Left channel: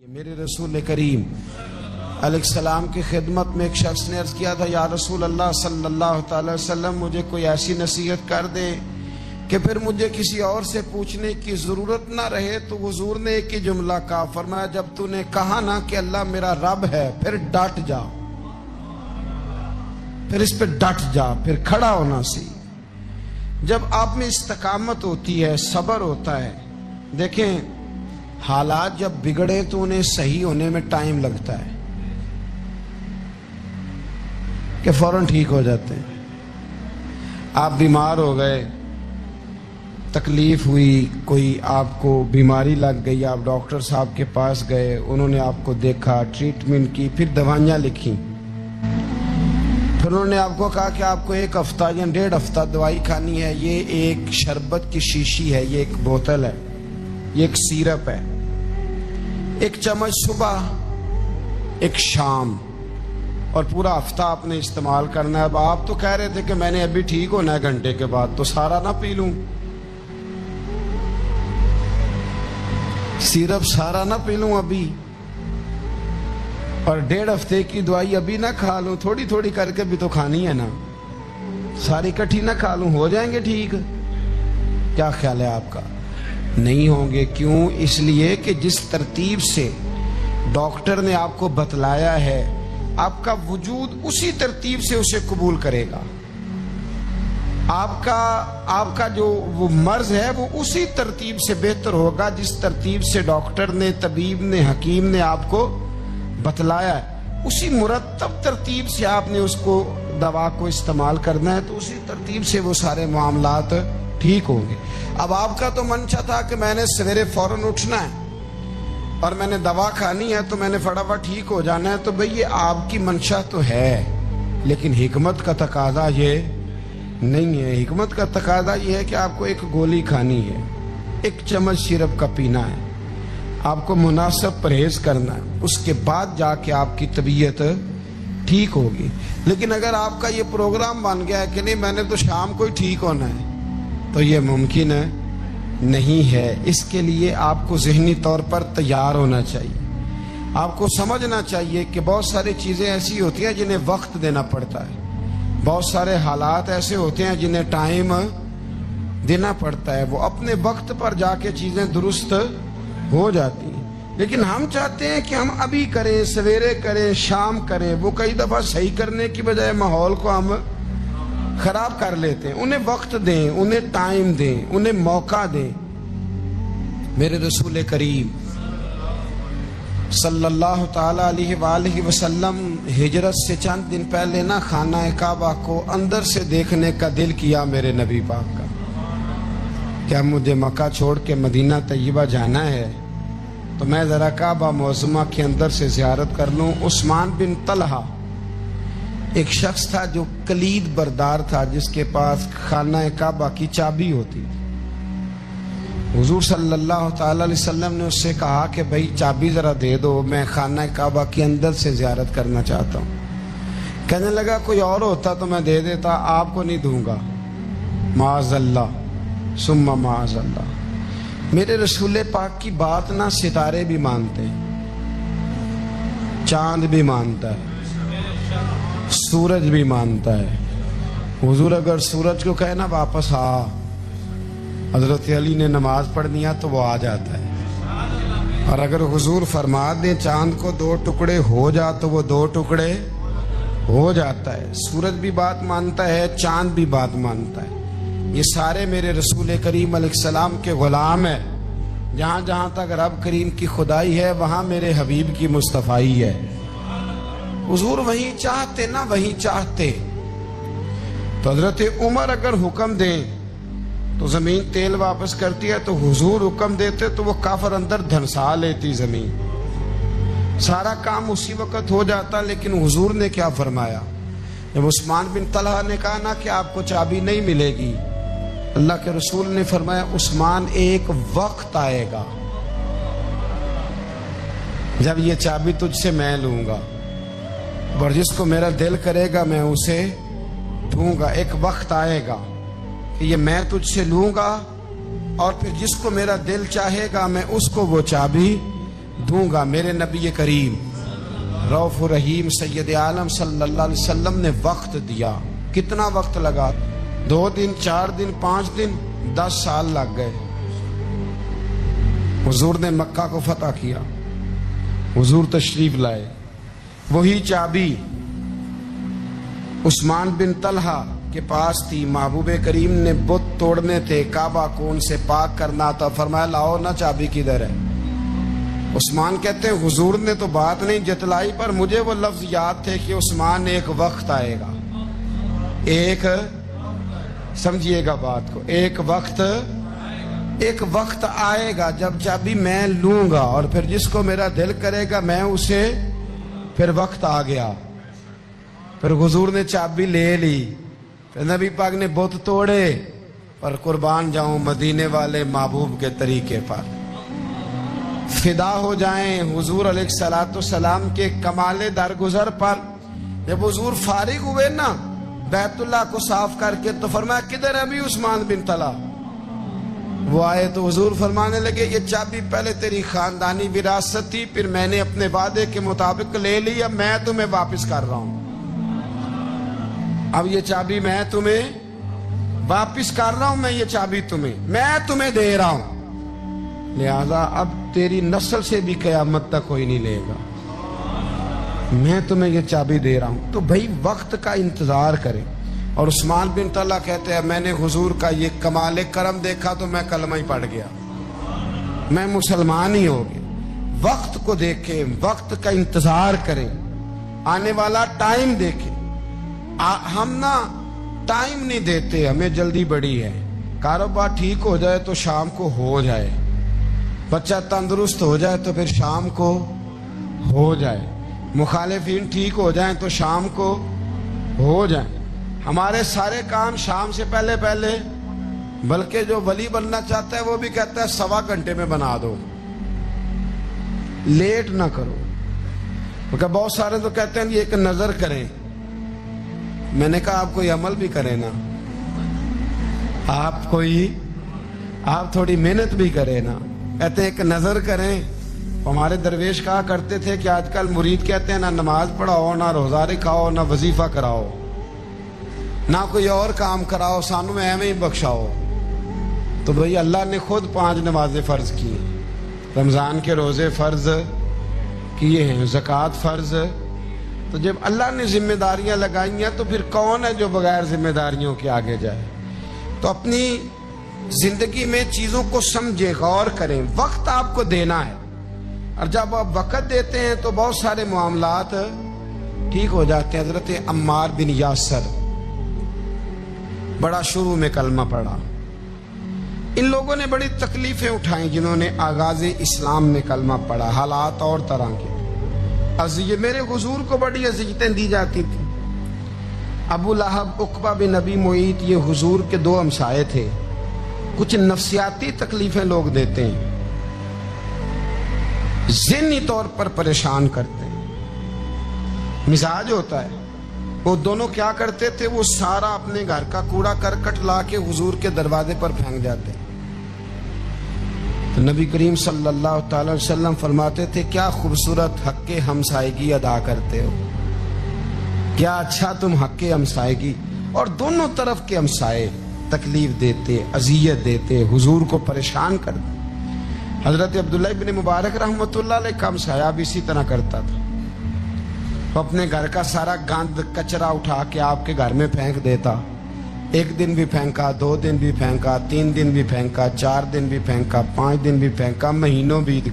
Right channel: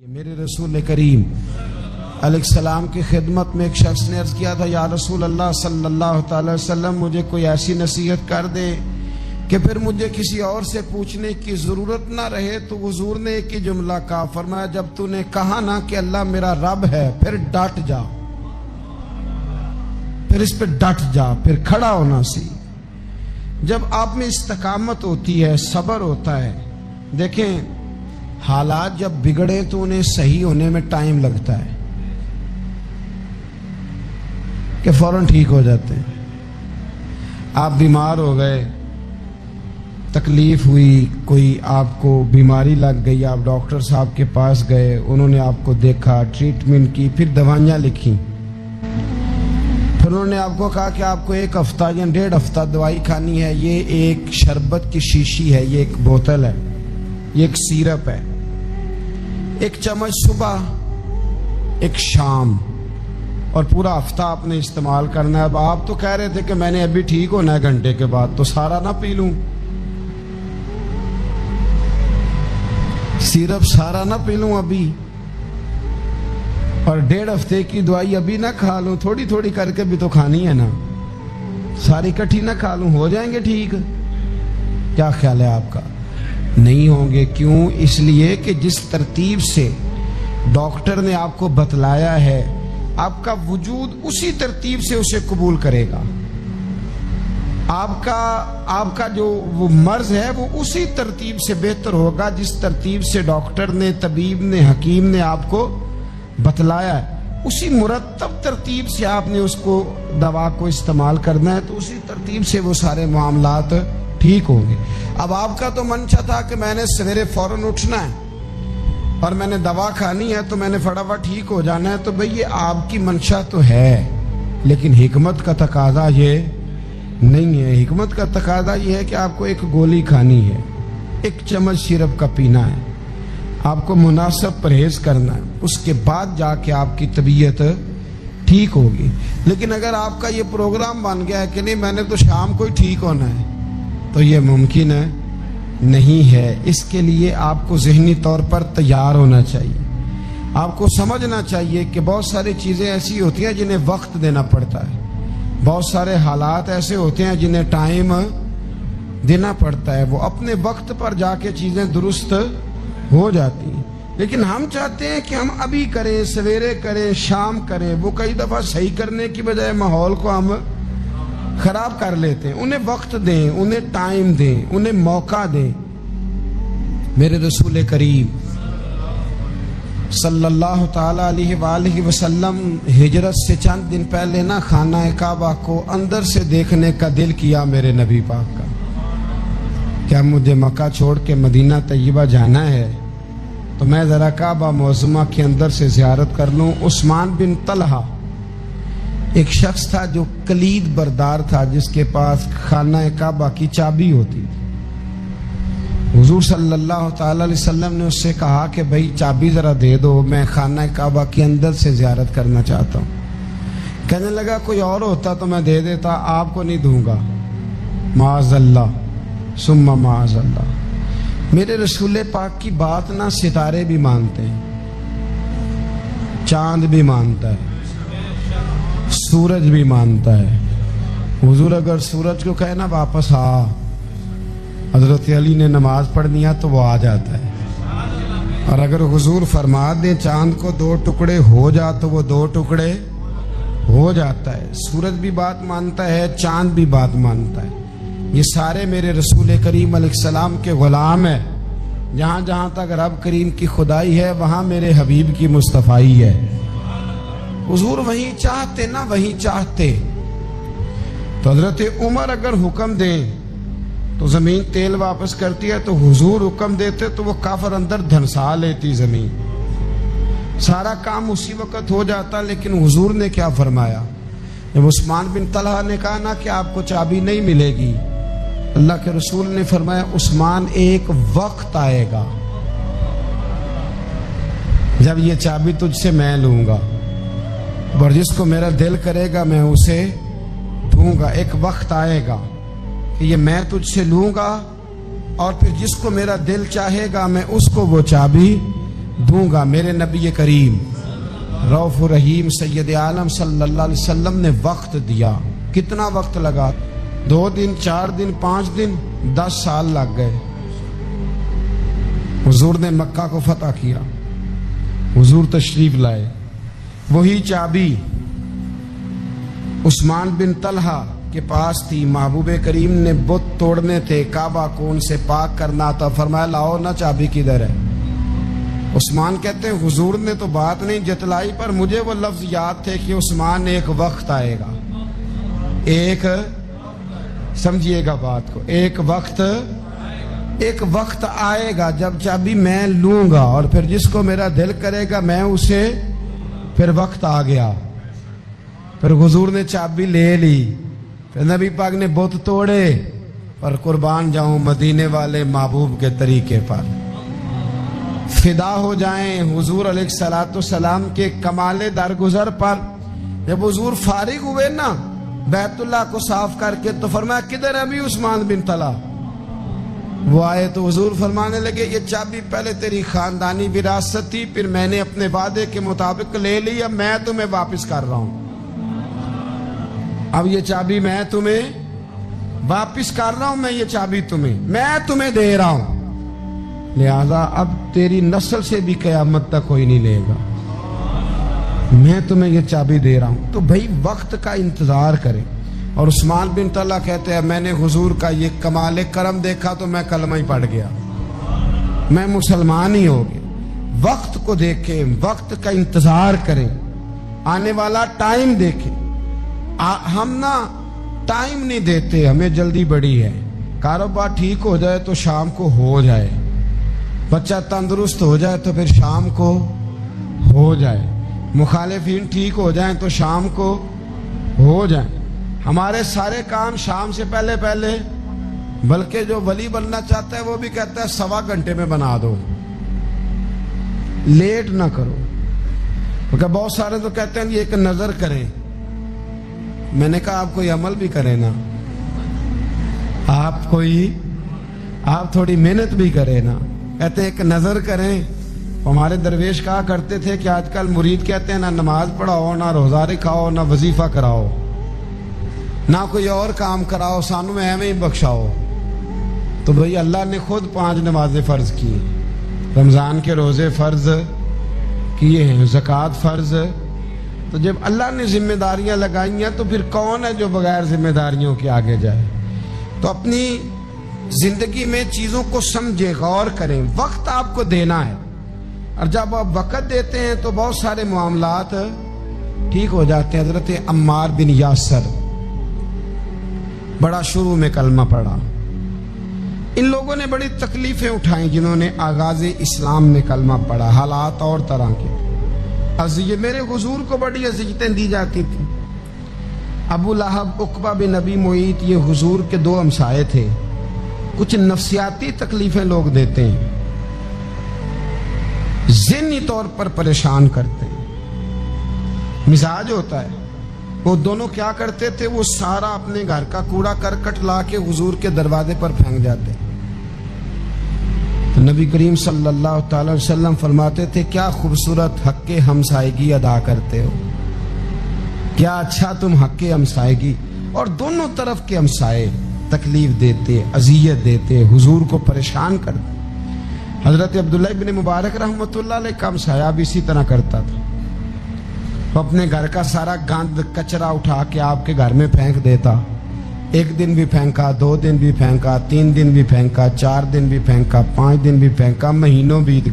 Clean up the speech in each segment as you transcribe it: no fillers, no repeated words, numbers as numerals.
یہ میرے رسول کریم علیہ السلام کی خدمت میں ایک شخص نے عرض کیا تھا، یا رسول اللہ صلی اللہ تعالی وسلم مجھے کوئی ایسی نصیحت کر دے کہ پھر مجھے کسی اور سے پوچھنے کی ضرورت نہ رہے۔ تو حضور نے ایک ہی جملہ کہا، فرمایا جب تو نے کہا نا کہ اللہ میرا رب ہے، پھر ڈٹ جا، پھر اس پہ ڈٹ جا، پھر کھڑا ہونا سی۔ جب آپ میں استقامت ہوتی ہے، صبر ہوتا ہے، دیکھیں حالات جب بگڑے تو انہیں صحیح ہونے میں ٹائم لگتا ہے کہ فوراً ٹھیک ہو جاتے ہیں۔ آپ بیمار ہو گئے، تکلیف ہوئی، کوئی آپ کو بیماری لگ گئی، آپ ڈاکٹر صاحب کے پاس گئے، انہوں نے آپ کو دیکھا، ٹریٹمنٹ کی، پھر دوائیاں لکھی، پھر انہوں نے آپ کو کہا کہ آپ کو 1 ہفتہ یا 1.5 ہفتہ دوائی کھانی ہے، یہ ایک شربت کی شیشی ہے، یہ ایک بوتل ہے، یہ ایک سیرپ ہے، 1 چمچ صبح 1 شام، اور پورا ہفتہ آپ نے استعمال کرنا ہے۔ اب آپ تو کہہ رہے تھے کہ میں نے ابھی ٹھیک ہونا ہے گھنٹے کے بعد، تو سارا نہ پی لوں، سیرپ سارا نہ پی لوں ابھی، اور 1.5 ہفتے کی دوائی ابھی نہ کھا لوں، تھوڑی تھوڑی کر کے بھی تو کھانی ہے نا، ساری کٹھی نہ کھا لوں، ہو جائیں گے ٹھیک؟ کیا خیال ہے آپ کا؟ نہیں ہوں گے۔ کیوں؟ اس لیے کہ جس ترتیب سے ڈاکٹر نے آپ کو بتلایا ہے، آپ کا وجود اسی ترتیب سے اسے قبول کرے گا، آپ کا جو وہ مرض ہے وہ اسی ترتیب سے بہتر ہوگا جس ترتیب سے ڈاکٹر نے، طبیب نے، حکیم نے آپ کو بتلایا ہے، اسی مرتب ترتیب سے آپ نے اس کو دوا کو استعمال کرنا ہے، تو اسی ترتیب سے وہ سارے معاملات ٹھیک ہوں گے۔ اب آپ کا تو منشا تھا کہ میں نے سویرے فوراً اٹھنا ہے اور میں نے دوا کھانی ہے تو میں نے فٹافٹ ٹھیک ہو جانا ہے، تو بھئی یہ آپ کی منشا تو ہے، لیکن حکمت کا تقاضا یہ نہیں ہے۔ حکمت کا تقاضا یہ ہے کہ آپ کو 1 گولی کھانی ہے، 1 چمچ سیرپ کا پینا ہے، آپ کو مناسب پرہیز کرنا ہے، اس کے بعد جا کے آپ کی طبیعت ٹھیک ہوگی۔ لیکن اگر آپ کا یہ پروگرام بن گیا ہے کہ نہیں میں نے تو شام کو ہی ٹھیک ہونا ہے، تو یہ ممکن ہے نہیں ہے۔ اس کے لیے آپ کو ذہنی طور پر تیار ہونا چاہیے، آپ کو سمجھنا چاہیے کہ بہت ساری چیزیں ایسی ہوتی ہیں جنہیں وقت دینا پڑتا ہے، بہت سارے حالات ایسے ہوتے ہیں جنہیں ٹائم دینا پڑتا ہے، وہ اپنے وقت پر جا کے چیزیں درست ہو جاتی ہیں۔ لیکن ہم چاہتے ہیں کہ ہم ابھی کریں، سویرے کریں، شام کریں، وہ کئی دفعہ صحیح کرنے کی بجائے ماحول کو ہم خراب کر لیتے ہیں۔ انہیں وقت دیں، انہیں ٹائم دیں، انہیں موقع دیں۔ میرے رسول کریم صلی اللہ تعالی علیہ وآلہ وسلم ہجرت سے چند دن پہلے نا خانہ کعبہ کو اندر سے دیکھنے کا دل کیا میرے نبی پاک کا، کیا مجھے مکہ چھوڑ کے مدینہ طیبہ جانا ہے تو میں ذرا کعبہ معظمہ کے اندر سے زیارت کر لوں۔ عثمان بن طلحہ ایک شخص تھا جو کلید بردار تھا، جس کے پاس خانہ کعبہ کی چابی ہوتی تھی۔ حضور صلی اللہ تعالی علیہ وسلم نے اس سے کہا کہ بھائی چابی ذرا دے دو، میں خانہ کعبہ کے اندر سے زیارت کرنا چاہتا ہوں۔ کہنے لگا کوئی اور ہوتا تو میں دے دیتا، آپ کو نہیں دوں گا۔ معاذ اللہ ثم معاذ اللہ۔ میرے رسول پاک کی بات نہ ستارے بھی مانتے ہیں، چاند بھی مانتا ہے، سورج بھی مانتا ہے۔ حضور اگر سورج کو کہے نا واپس آ، حضرت علی نے نماز پڑھنی ہے تو وہ آ جاتا ہے، اور اگر حضور فرما دیں چاند کو 2 ٹکڑے ہو جا تو وہ 2 ٹکڑے ہو جاتا ہے۔ سورج بھی بات مانتا ہے، چاند بھی بات مانتا ہے۔ یہ سارے میرے رسول کریم علیہ السلام کے غلام ہیں۔ جہاں جہاں تک رب کریم کی خدائی ہے وہاں میرے حبیب کی مصطفائی ہے۔ حضور وہیں چاہتے نہ وہیں چاہتے، تو حضرت عمر اگر حکم دیں تو زمین تیل واپس کرتی ہے، تو حضور حکم دیتے تو وہ کافر اندر دھنسا لیتی زمین، سارا کام اسی وقت ہو جاتا۔ لیکن حضور نے کیا فرمایا؟ جب عثمان بن طلحہ نے کہا نا کہ آپ کو چابی نہیں ملے گی، اللہ کے رسول نے فرمایا عثمان ایک وقت آئے گا جب یہ چابی تجھ سے میں لوں گا، اور جس کو میرا دل کرے گا میں اسے دوں گا۔ ایک وقت آئے گا کہ یہ میں تجھ سے لوں گا، اور پھر جس کو میرا دل چاہے گا میں اس کو وہ چابی دوں گا۔ میرے نبی کریم رؤف الرحیم سید عالم صلی اللہ علیہ وسلم نے وقت دیا۔ کتنا وقت لگا؟ 2 دن، 4 دن، 5 دن، 10 سال لگ گئے۔ حضور نے مکہ کو فتح کیا، حضور تشریف لائے۔ وہی چابی عثمان بن طلحہ کے پاس تھی، محبوب کریم نے بت توڑنے تھے، کعبہ کو ان سے پاک کرنا تھا، فرمایا لاؤ نا چابی کدھر ہے؟ عثمان کہتے ہیں حضور نے تو بات نہیں جتلائی، پر مجھے وہ لفظ یاد تھے کہ عثمان ایک وقت آئے گا، ایک سمجھیے گا بات کو، ایک وقت آئے گا جب چابی میں لوں گا اور پھر جس کو میرا دل کرے گا میں اسے، پھر وقت آ گیا، پھر حضور نے چابی لے لی، پھر نبی پاک نے بت توڑے، پر قربان جاؤں مدینے والے محبوب کے طریقے پر، فدا ہو جائیں حضور علیہ الصلوۃ والسلام کے کمال درگزر پر۔ جب حضور فارغ ہوئے نا بیت اللہ کو صاف کر کے تو فرمایا کدھر ابھی عثمان بن طلحہ؟ وہ آئے تو حضور فرمانے لگے یہ چابی پہلے تیری خاندانی وراثت تھی، پھر میں نے اپنے وعدے کے مطابق لے لی، اب میں تمہیں واپس کر رہا ہوں، اب یہ چابی میں تمہیں واپس کر رہا ہوں، میں یہ چابی میں تمہیں دے رہا ہوں، لہذا اب تیری نسل سے بھی قیامت تک کوئی نہیں لے گا، میں تمہیں یہ چابی دے رہا ہوں۔ تو بھائی وقت کا انتظار کریں۔ اور عثمان بن طلحہ کہتے ہیں میں نے حضور کا یہ کمال کرم دیکھا تو میں کلمہ ہی پڑھ گیا، میں مسلمان ہی ہو گیا۔ وقت کو دیکھیں، وقت کا انتظار کریں، آنے والا ٹائم دیکھیں۔ ہم نا ٹائم نہیں دیتے، ہمیں جلدی بڑی ہے، کاروبار ٹھیک ہو جائے تو شام کو ہو جائے، بچہ تندرست ہو جائے تو پھر شام کو ہو جائے، مخالفین ٹھیک ہو جائیں تو شام کو ہو جائیں۔ ہمارے سارے کام شام سے پہلے بلکہ جو ولی بننا چاہتا ہے وہ بھی کہتا ہے 1.25 گھنٹے میں بنا دو، لیٹ نہ کرو، کیونکہ بہت سارے تو کہتے ہیں یہ ایک نظر کریں، میں نے کہا آپ کوئی عمل بھی کریں نا، آپ تھوڑی محنت بھی کریں نا، کہتے ہیں ایک نظر کریں۔ ہمارے درویش کہا کرتے تھے کہ آج کل مرید کہتے ہیں نہ نماز پڑھاؤ، نہ روزہ رکھاؤ، نہ وظیفہ کراؤ، نہ کوئی اور کام کراؤ، سانوں میں ایویں ہی بخشاؤ۔ تو بھئی اللہ نے خود 5 نمازیں فرض کی، رمضان کے روزے فرض کیے ہیں، زکوٰۃ فرض، تو جب اللہ نے ذمہ داریاں لگائی ہیں تو پھر کون ہے جو بغیر ذمہ داریوں کے آگے جائے؟ تو اپنی زندگی میں چیزوں کو سمجھیں، غور کریں، وقت آپ کو دینا ہے، اور جب آپ وقت دیتے ہیں تو بہت سارے معاملات ٹھیک ہو جاتے ہیں۔ حضرت عمار بن یاسر بڑا شروع میں کلمہ پڑھا، ان لوگوں نے بڑی تکلیفیں اٹھائیں جنہوں نے آغاز اسلام میں کلمہ پڑھا، حالات اور طرح کے، میرے حضور کو بڑی اذیتیں دی جاتی تھی۔ ابو لہب، عقبہ بن ابی معیط، یہ حضور کے 2 ہمسائے تھے، کچھ نفسیاتی تکلیفیں لوگ دیتے ہیں، ذہنی طور پر پریشان کرتے ہیں، مزاج ہوتا ہے۔ وہ دونوں کیا کرتے تھے، وہ سارا اپنے گھر کا کوڑا کرکٹ لا کے حضور کے دروازے پر پھینک جاتے۔ تو نبی کریم صلی اللہ تعالی وسلم فرماتے تھے کیا خوبصورت حق ہمسائیگی ادا کرتے ہو، کیا اچھا تم حق ہمسائیگی۔ اور دونوں طرف کے ہمسائے تکلیف دیتے، اذیت دیتے، حضور کو پریشان کرتے۔ حضرت عبداللہ ابن مبارک رحمۃ اللہ علیہ کا ہمسایہ بھی اسی طرح کرتا تھا، وہ اپنے گھر کا سارا گند کچرا اٹھا کے آپ کے گھر میں پھینک دیتا، 1 دن بھی پھینکا، 2 دن بھی پھینکا، 3 دن بھی پھینکا، 4 دن بھی پھینکا، 5 دن بھی پھینکا، مہینوں بیت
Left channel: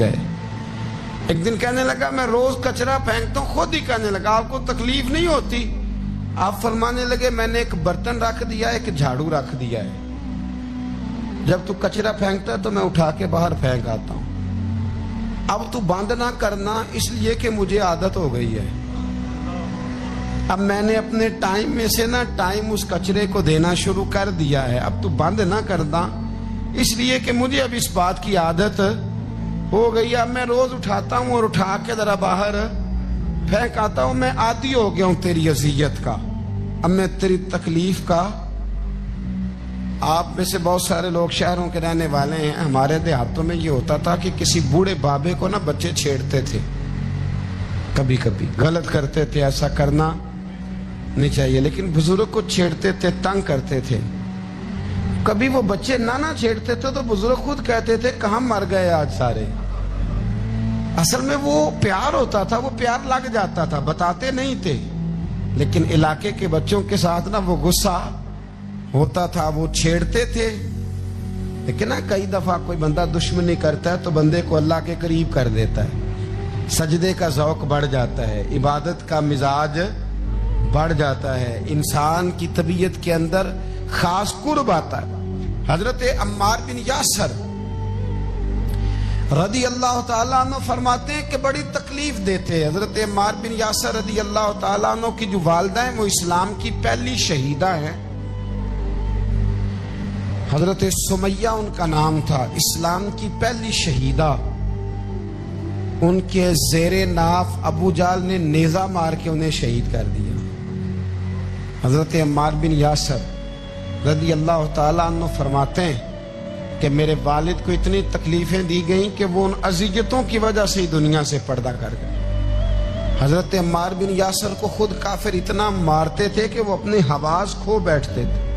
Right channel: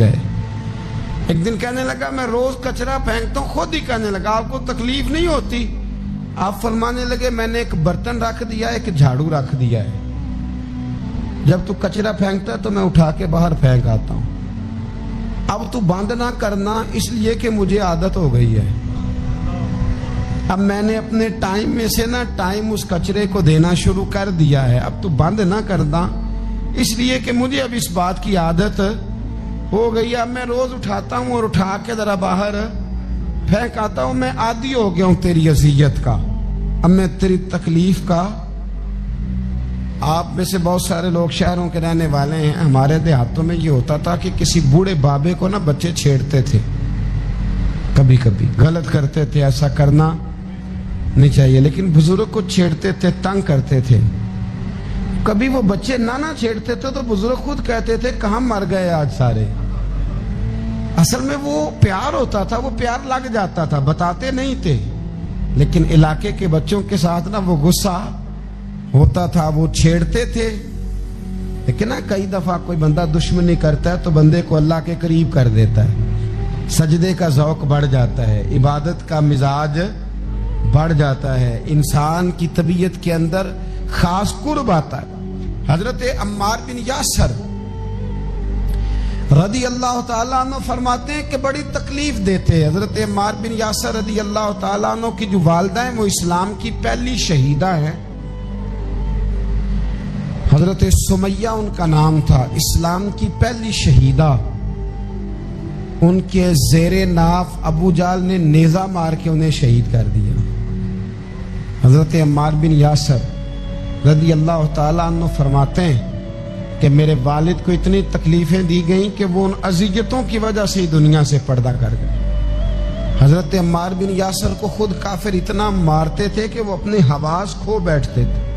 گئے۔ ایک دن کہنے لگا میں روز کچرا پھینکتا ہوں، خود ہی کہنے لگا آپ کو تکلیف نہیں ہوتی؟ آپ فرمانے لگے میں نے ایک برتن رکھ دیا ہے، ایک جھاڑو رکھ دیا ہے، جب تو کچرا پھینکتا ہے تو میں اٹھا کے باہر پھینک آتا ہوں، اب تو بند نہ کرنا اس لیے کہ مجھے عادت ہو گئی ہے، اب میں نے اپنے ٹائم میں سے نا ٹائم اس کچرے کو دینا شروع کر دیا ہے، اب تو بند نہ کرنا اس لیے کہ مجھے اب اس بات کی عادت ہو گئی، اب میں روز اٹھاتا ہوں اور اٹھا کے ذرا باہر پھینک آتا ہوں، میں عادی ہو گیا ہوں تیری اذیت کا، اب میں تیری تکلیف کا آپ میں سے بہت سارے لوگ شہروں کے رہنے والے ہیں، ہمارے دیہاتوں میں یہ ہوتا تھا کہ کسی بوڑھے بابے کو نا بچے چھیڑتے تھے، کبھی کبھی غلط کرتے تھے، ایسا کرنا نہیں چاہیے، لیکن بزرگ کو چھیڑتے تھے، تنگ کرتے تھے۔ کبھی وہ بچے نہ چھیڑتے تھے تو بزرگ خود کہتے تھے کہاں مر گئے آج سارے۔ اصل میں وہ پیار ہوتا تھا، وہ پیار لگ جاتا تھا، بتاتے نہیں تھے، لیکن علاقے کے بچوں کے ساتھ نا وہ غصہ ہوتا تھا، وہ چھیڑتے تھے۔ لیکن نا کئی دفعہ کوئی بندہ دشمنی کرتا ہے تو بندے کو اللہ کے قریب کر دیتا ہے، سجدے کا ذوق بڑھ جاتا ہے، عبادت کا مزاج بڑھ جاتا ہے، انسان کی طبیعت کے اندر خاص قرب آتا ہے۔ حضرت عمار بن یاسر رضی اللہ تعالیٰ عنہ فرماتے ہیں کہ بڑی تکلیف دیتے۔ حضرت عمار بن یاسر رضی اللہ تعالیٰ عنہ کی جو والدہ ہیں وہ اسلام کی پہلی شہیدہ ہیں، حضرت سمیہ ان کا نام تھا، اسلام کی پہلی شہیدہ۔ ان کے زیر ناف ابو جہل نے نیزہ مار کے انہیں شہید کر دیا۔ حضرت عمار بن یاسر رضی اللہ تعالیٰ عنہ فرماتے ہیں کہ میرے والد کو اتنی تکلیفیں دی گئیں کہ وہ ان اذیتوں کی وجہ سے ہی دنیا سے پردہ کر گئے۔ حضرت عمار بن یاسر کو خود کافر اتنا مارتے تھے کہ وہ اپنے حواس کھو بیٹھتے تھے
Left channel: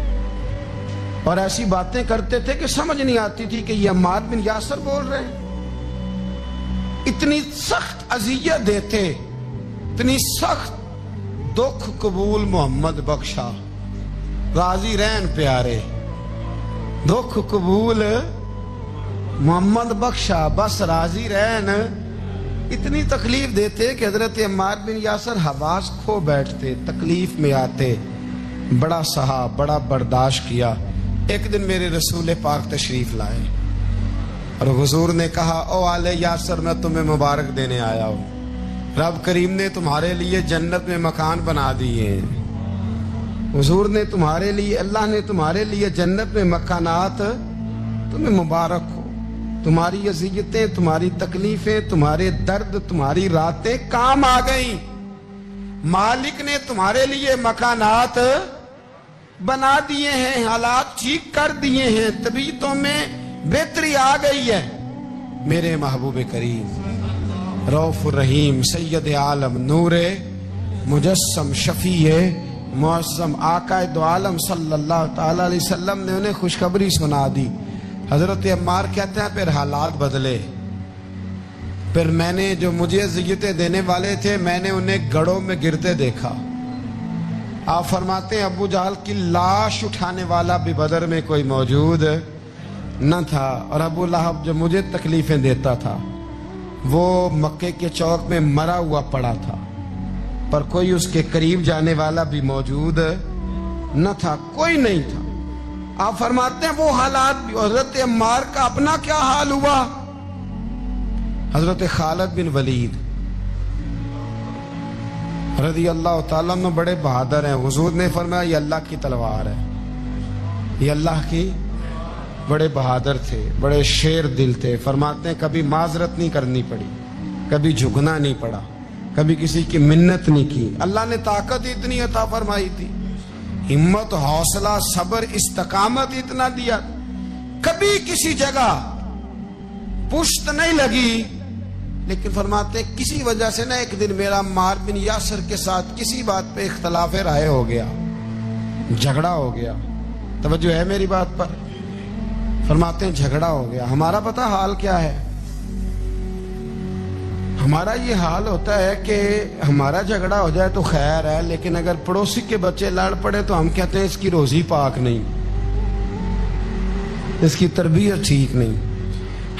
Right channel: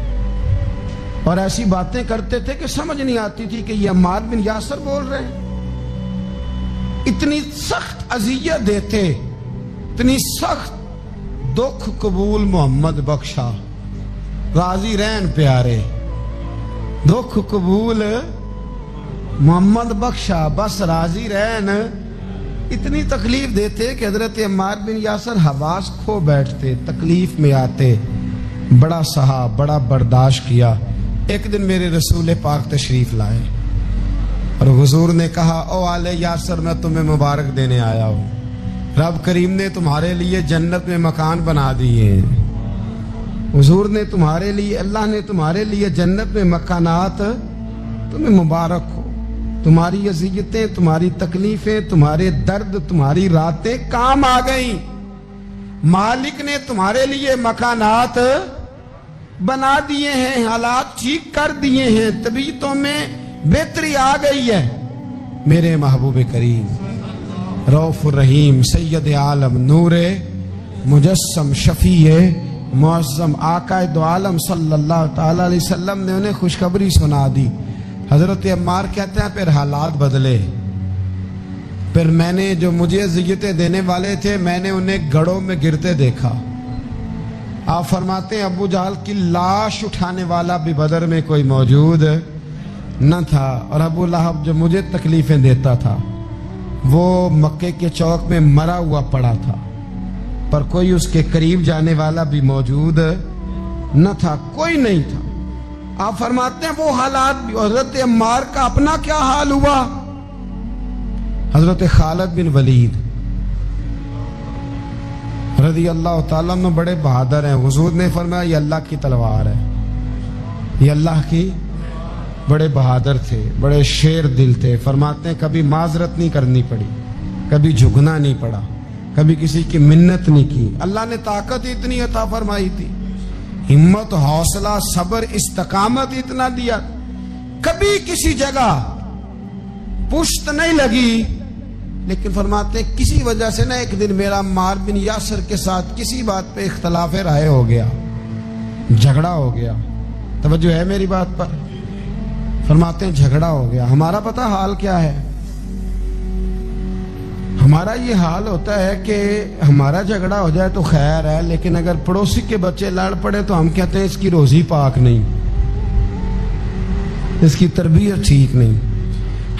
اور ایسی باتیں کرتے تھے کہ سمجھ نہیں آتی تھی کہ یہ عمار بن یاسر بول رہے ہیں۔ اتنی سخت اذیت دیتے، اتنی سخت۔ دکھ قبول محمد بخشا، راضی رہن پیارے، دکھ قبول محمد بخشا، بس راضی رہن۔ اتنی تکلیف دیتے کہ حضرت عمار بن یاسر حواس کھو بیٹھتے، تکلیف میں آتے، بڑا سہا، بڑا برداشت کیا۔ ایک دن میرے رسول پاک تشریف لائے اور حضور نے کہا او آل یاسر میں تمہیں مبارک دینے آیا ہوں، رب کریم نے تمہارے لیے جنت میں مکان بنا دیے ہیں۔ حضور نے تمہارے لیے، اللہ نے تمہارے لیے جنت میں مکانات، تمہیں مبارک ہو۔ تمہاری اذیتیں، تمہاری تکلیفیں، تمہارے درد، تمہاری راتیں کام آ گئیں۔ مالک نے تمہارے لیے مکانات بنا دیے ہیں، حالات ٹھیک کر دیے ہیں، طبیعتوں میں بہتری آ گئی ہے۔ میرے محبوب کریم رؤوف الرحیم سید عالم نور مجسم شفیع معظم آقا دو عالم صلی اللہ تعالی علیہ وسلم نے انہیں خوشخبری سنا دی۔ حضرت عمار کہتے ہیں پھر حالات بدلے، پھر میں نے جو مجھے اذیتیں دینے والے تھے میں نے انہیں گڑھوں میں گرتے دیکھا۔ آپ فرماتے ہیں ابو جہل کی لاش اٹھانے والا بھی بدر میں کوئی موجود نہ تھا، اور ابو لہب جو مجھے تکلیفیں دیتا تھا وہ مکے کے چوک میں مرا ہوا پڑا تھا، پر کوئی اس کے قریب جانے والا بھی موجود نہ تھا، کوئی نہیں تھا۔ آپ فرماتے ہیں وہ حالات بھی۔ حضرت عمار کا اپنا کیا حال ہوا؟ حضرت خالد بن ولید رضی اللہ تعالیٰ عنہ بڑے بہادر ہیں۔ حضور نے فرمایا یہ اللہ کی تلوار ہے، یہ اللہ کی، بڑے بہادر تھے، بڑے شیر دل تھے۔ فرماتے ہیں کبھی معذرت نہیں کرنی پڑی، کبھی جھکنا نہیں پڑا، کبھی کسی کی منت نہیں کی۔ اللہ نے طاقت اتنی عطا فرمائی تھی، ہمت، حوصلہ، صبر، استقامت اتنا دیا، کبھی کسی جگہ پشت نہیں لگی۔ لیکن فرماتے ہیں کسی وجہ سے نا ایک دن میرا عمار بن یاسر کے ساتھ کسی بات پہ اختلاف رائے ہو گیا، جھگڑا ہو گیا۔ توجہ ہے میری بات پر؟ فرماتے ہیں جھگڑا ہو گیا۔ ہمارا پتہ حال کیا ہے؟ ہمارا یہ حال ہوتا ہے کہ ہمارا جھگڑا ہو جائے تو خیر ہے، لیکن اگر پڑوسی کے بچے لڑ پڑے تو ہم کہتے ہیں اس کی روزی پاک نہیں، اس کی تربیت ٹھیک نہیں۔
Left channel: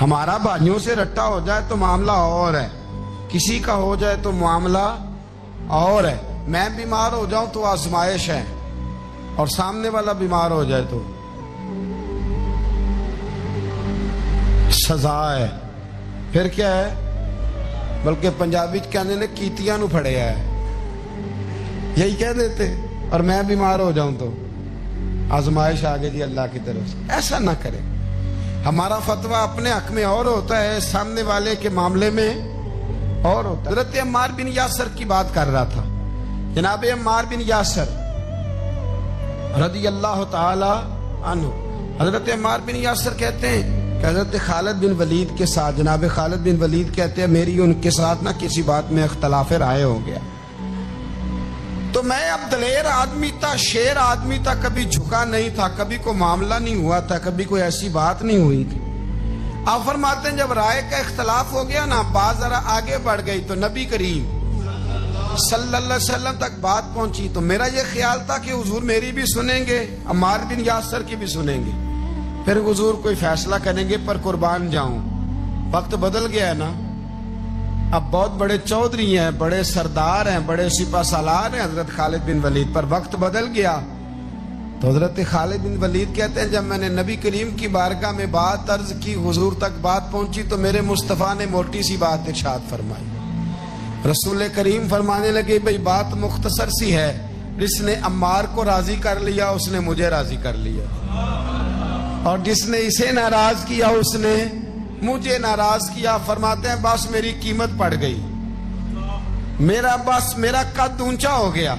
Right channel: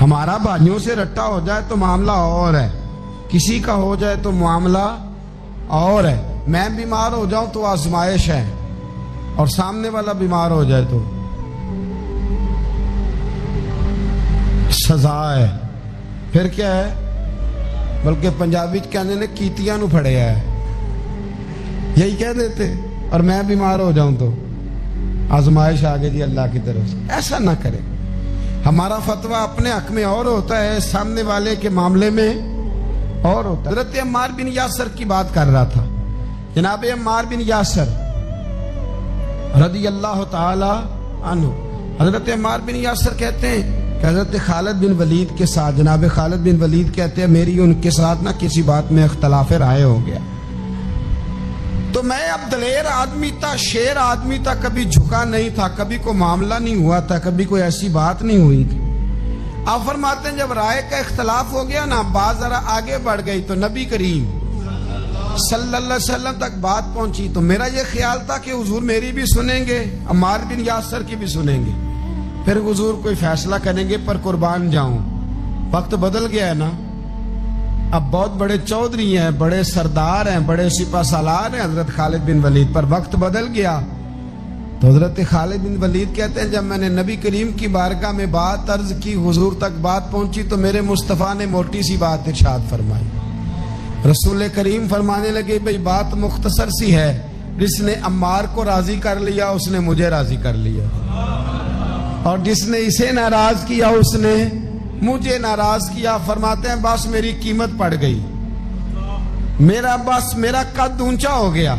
ہمارا بھائیوں سے رٹا ہو جائے تو معاملہ اور ہے، کسی کا ہو جائے تو معاملہ اور ہے۔ میں بیمار ہو جاؤں تو آزمائش ہے، اور سامنے والا بیمار ہو جائے تو سزا ہے۔ پھر کیا ہے؟ بلکہ پنجابی کہنے نے کیتیاں نو پھڑیا ہے، یہی کہہ دیتے۔ اور میں بیمار ہو جاؤں تو آزمائش آگے جی اللہ کی طرف سے۔ ایسا نہ کرے۔ ہمارا فتویٰ اپنے حق میں اور ہوتا ہے، سامنے والے کے معاملے میں اور ہوتا ہے۔ حضرت عمار بن یاسر کی بات کر رہا تھا۔ جناب عمار بن یاسر رضی اللہ تعالی عنہ حضرت عمار بن یاسر کہتے ہیں کہ حضرت خالد بن ولید کے ساتھ، جناب خالد بن ولید کہتے ہیں میری ان کے ساتھ نہ کسی بات میں اختلاف رائے ہو گیا، تو میں اب دلیر آدمی تھا، شیر آدمی تھا، کبھی جھکا نہیں تھا، کبھی کوئی معاملہ نہیں ہوا تھا، کبھی کوئی ایسی بات نہیں ہوئی تھی۔ آپ فرماتے ہیں جب رائے کا اختلاف ہو گیا نا، بات ذرا آگے بڑھ گئی تو نبی کریم صلی اللہ علیہ وسلم تک بات پہنچی، تو میرا یہ خیال تھا کہ حضور میری بھی سنیں گے، عمار بن یاسر کی بھی سنیں گے، پھر حضور کوئی فیصلہ کریں گے، پر قربان جاؤں وقت بدل گیا ہے نا، اب بہت بڑے چودھری ہیں، بڑے سردار ہیں، بڑے سپہ سالار ہیں حضرت خالد بن ولید، پر وقت بدل گیا۔ تو حضرت خالد بن ولید کہتے ہیں جب میں نے نبی کریم کی بارگاہ میں بات عرض کی، حضور تک بات پہنچی، تو میرے مصطفیٰ نے موٹی سی بات ارشاد فرمائی۔ رسول کریم فرمانے لگے بھئی بات مختصر سی ہے، جس نے عمار کو راضی کر لیا اس نے مجھے راضی کر لیا، اور جس نے اسے ناراض کیا اس نے مجھے ناراض کیا۔ فرماتے ہیں بس میری قیمت پڑ گئی، میرا قد اونچا ہو گیا۔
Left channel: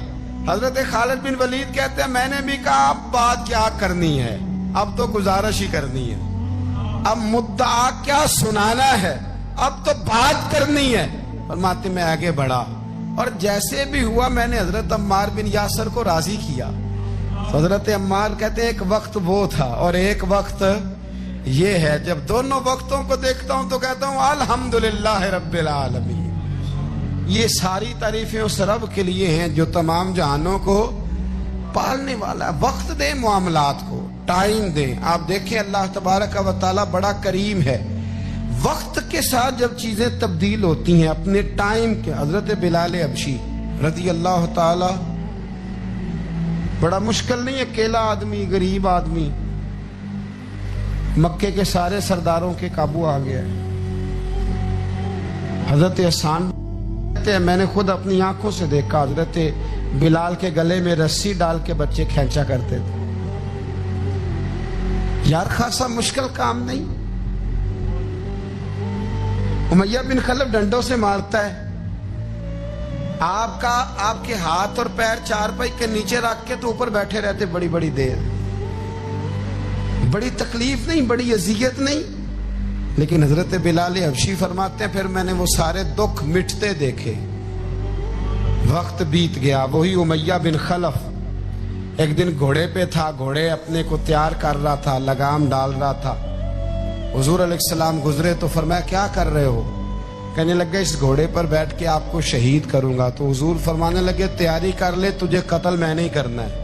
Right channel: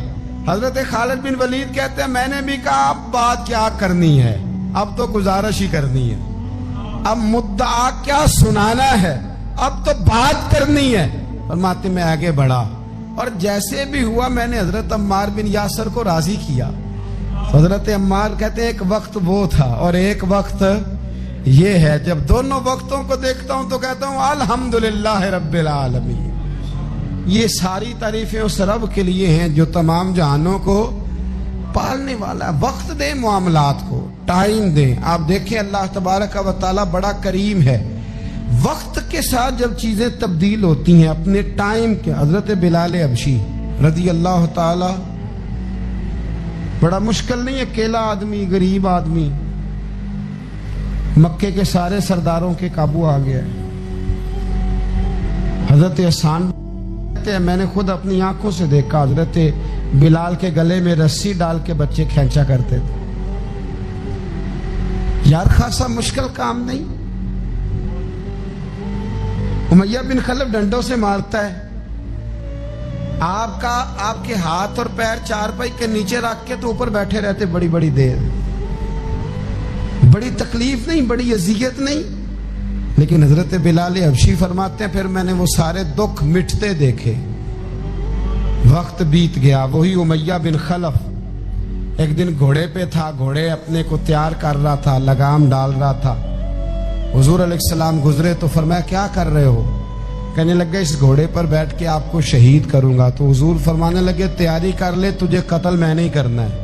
حضرت خالد بن ولید کہتے ہیں میں نے بھی کہا اب بات کیا کرنی ہے، اب تو گزارش ہی کرنی ہے، اب مدعا کیا سنانا ہے، اب تو بات کرنی ہے۔ فرماتے میں آگے بڑھا، اور جیسے بھی ہوا میں نے حضرت عمار بن یاسر کو راضی کیا۔ حضرت عمار کہتے ہیں ایک وقت وہ تھا اور ایک وقت یہ ہے، جب دونوں وقتوں کو دیکھتا ہوں تو کہتا ہوں الحمدللہ رب العالمین۔ یہ ساری تعریفیں اس رب کے لیے ہیں جو تمام جہانوں کو پالنے والا ہے۔ وقت دیں معاملات کو، ٹائم دیں۔ آپ دیکھیں اللہ تبارک و تعالی بڑا کریم ہے، وقت کے ساتھ جب چیزیں تبدیل ہوتی ہیں اپنے ٹائم کے۔ حضرت بلال حبشی رضی اللہ تعالی، بڑا مشکل نہیں، اکیلا آدمی، غریب آدمی، مکے کے سارے سرداروں کے قابو آ گیا ہے۔ حضرت حسان کہتے ہیں میں نے خود اپنی آنکھوں سے دیکھا، حضرت بلال کے گلے میں رسی ڈال کے بچے کھینچا کرتے تھے۔ یار خاصا مشکل کام نہیں۔ امیہ بن خلف ڈنڈوں سے مارتا ہے، آپ کے ہاتھ اور پیر چارپائی کے نیچے رکھ کے تو اوپر بیٹھے رہتے بڑی بڑی دیر، بڑی تکلیف نہیں، بڑی اذیت نہیں، لیکن حضرت بلال حبشی فرماتے ہیں پھر میں نے وہ سارے دکھ مٹتے دیکھے۔ وقت بیت گیا، وہی امیہ بن خلف ایک دن گھوڑے پہ تھا، گھوڑے اپنے کو تیار کر رہا تھا، لگام ڈال رہا تھا۔ حضور علیہ السلام گزرے تو فرمایا کیا کر رہے ہو؟ کہنے لگے اس گھوڑے پر بیٹھ کے آپ کو شہید کروں گا۔ تو حضور فرمانے لگے تیاری کر لے، تجھے قتل میں نہیں کرنا ہے۔